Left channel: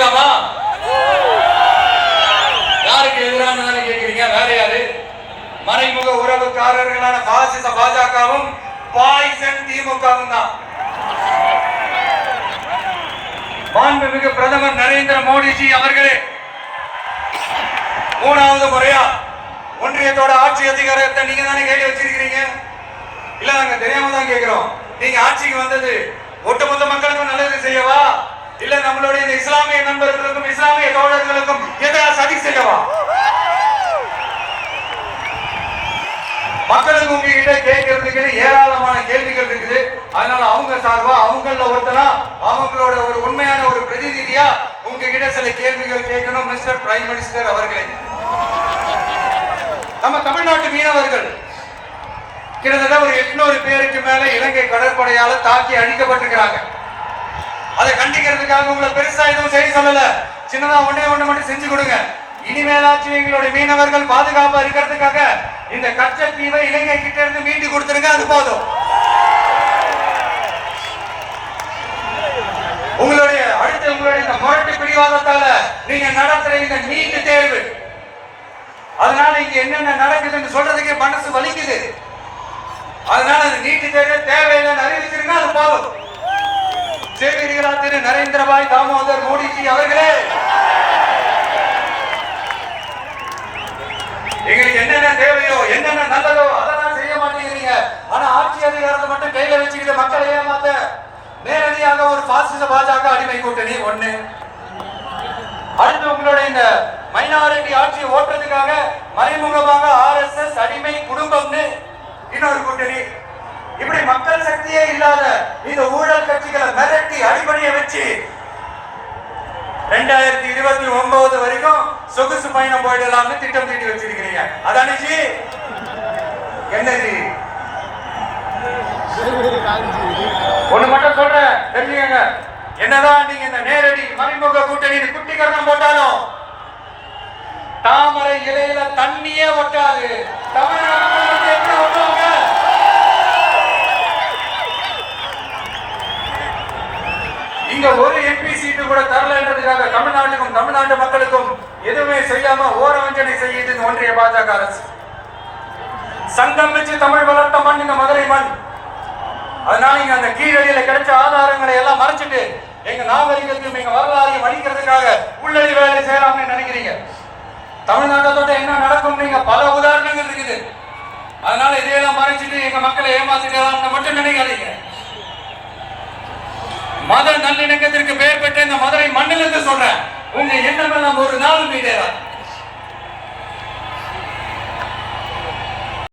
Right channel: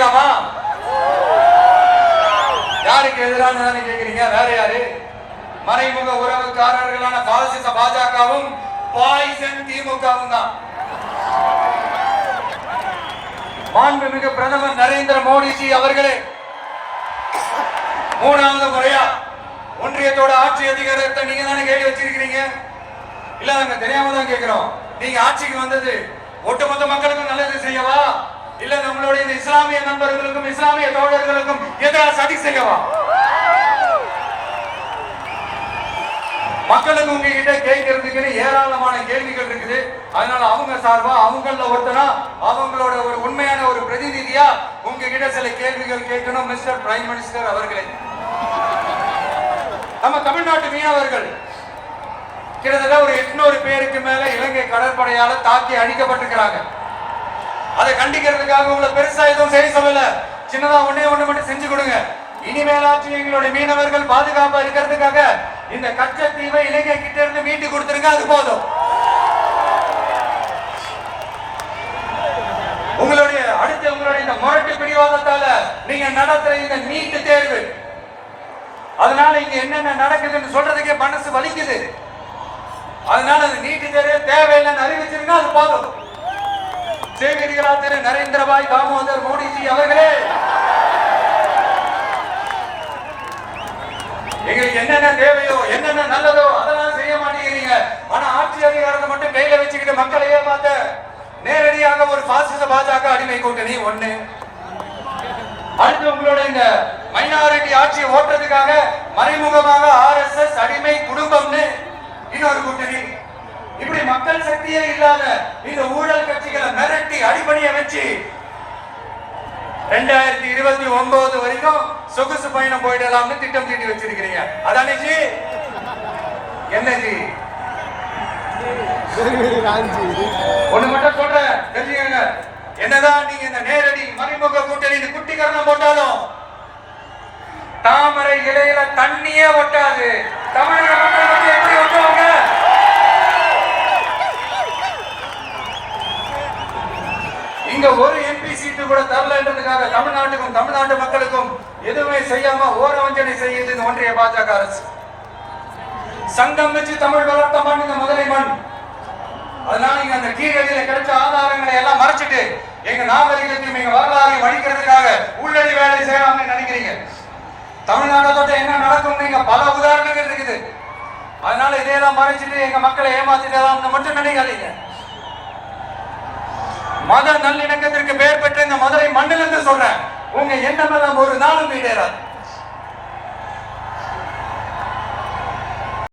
கேட்கலாமா? யாருக்கு எதிரான தானே கேட்கிறீங்க? வேற யாரு? மறைமுக உறவுக்காரர்களான பாசிச பாஜகவும் பாய்சன் திமுகவும் தான். மாண்புமிகு பிரதமர் நரேந்திர மோடிஜி அவர்களே மூணாவது முறையா ஒன்றியத்தோட ஆட்சி அதிகாரத்தை நீங்க தானே கேள்வி வச்சிருக்கிறீங்க. இல்ல நாங்க தெரியாம தான் கேட்கிறோம். நீங்க ஆட்சிக்கு வந்தது ஒட்டுமொத்த மக்களுக்கும் நல்லது செய்யவா, இல்ல நம்மளுடைய இந்த இஸ்லாமிய நண்பர்களுக்கும் இஸ்லாமிய தோழர்களுக்கும் எதிராக சதி செய்யவா? மக்களுக்கு உங்ககிட்ட கேட்கறதுக்கு ஏராளமான கேள்விகள் இருக்குது. அதனால அவங்க சார்பா அவங்கள ஒருத்தனா அவங்களோட ஒரு உண்மையான ஒரு பிரதிநிதியா உங்ககிட்ட சில கேள்விகள் கேட்கணும். மிஸ்டர் பிரைம் மினிஸ்டர் அவர்களே, நம்ம தமிழ்நாட்டு மீனவர்கள் கிட்டத்தட்ட ஒரு 800 பேருக்கு மேல இலங்கை கடற்படையால தாக்கி அழிக்கப்பட்டிருக்கிறாங்க. அதை கண்டிக்கிறதுக்காக உங்களை பெருசா எதுவும் செய்ய சொல்லல, சின்னதா ஒண்ணு மட்டும் செஞ்சு கொடுங்க. இனிமேலாச்சும் எங்களுடைய மீனவர்கள் பாதுகாப்பா இருக்கிறதுக்காக இந்த கச்சத்தீவை இலங்கை கிட்ட இருந்து மீண்டு கொடுத்துருங்க, அது போதும். உங்களுடைய இந்த முரட்டு பிடிவாதத்தால நீங்க நடத்துற இந்த நீட்டு தேர்வு, அதனால இங்க என்னென்ன நடக்குதுன்னு சொல்றதுக்கே மனசு வலிக்குது. அதனால அந்த நீட்டு தேர்வு தேவையில்லைன்னு அறிவிச்சிருங்க, அது போதும். சேகரிகளா திரு நரேந்திரபாய் தாமோதர் மோடிஜி அவர்களே, எங்களுக்கு என்னென்ன தேவையோ என்னென்ன நல்லதோ அதெல்லாம் செய்ய மாட்டேங்கிறீங்க. ஆனா ஆட்சி அதிகாரத்தை மட்டும் கையில வச்சுக்கிட்டு மக்களை ஏமாத்த நேரடியாக ஒரு பாசிச பாஜக அடிமை கூட்டணி ஒண்ணு. அடுத்து உங்களுடைய இந்த மைனாரிட்டி ஆட்சியை ஓட்டுறதுக்காக மறைமுகமாக RSS அடிமை குடும்பம்னு இன்னொரு கூட்டணி. இப்படி மக்கள் சக்தியே இல்லாத இந்த ஊழல் கட்சிகளை மிரட்டி அடிப்படைய வச்சு 2029 வரைக்கும் சொகுசு பயணம் போயிடலாம்னு திட்டம் தீட்டி வச்சிருக்கிறீங்க. அதானே ஜி? என்ன ஜி? ஒண்ணு மட்டும் சொல்றேன், தெரிஞ்சுக்கங்க. என்னதான் நீங்க இந்த நேரடி மறைமுக கூட்டணி குட்டிகரணம் போட்டாலும் தாமரை இலையில தண்ணியே ஒட்டாது. தமிழக மக்கள் மட்டும் எப்படி ஒட்டுவாங்க? இங்க ஒரு MP சீட்டு கூட தரலன்றதுக்காக தமிழ்நாட்டுக்கும் தமிழ்நாட்டு மக்களுக்கும் எதுவுமே செய்யாம ஓரவஞ்சனை செய்யுது ஒன்றிய பாஜக அரசு. சங்கம் வச்சு தமிழ் வளர்த்த மண் இந்த மதுரை மண். அதனால இங்க அந்த கீழடியில கிடைச்ச ஆதாரங்களை எல்லாம் மறைச்சிட்டு எங்க நாகரிகத்தையும் எங்க வரலாறையும் அழிக்கிறதுக்காக உள்ளடி வேலை செய்யலாம்னு நினைக்கிறீங்க. தமிழ்நாட்டை தொட்ட என்ன நடக்கும் நீங்க பல உதாரணங்கள் இருக்குது. அதனால இதையெல்லாம் மறைச்சிட்டு எங்க மக்களை ஏமாத்திடலாம்னு மட்டும் நினைக்காதீங்க. மத நல்லிணக்கத்திற்கு பெயர் பெற்ற இந்த மதுரை மண்ணிலிருந்து சொல்றேன், உங்க எண்ணம் எல்லாம் ஒரு நாள் மீதேறாது.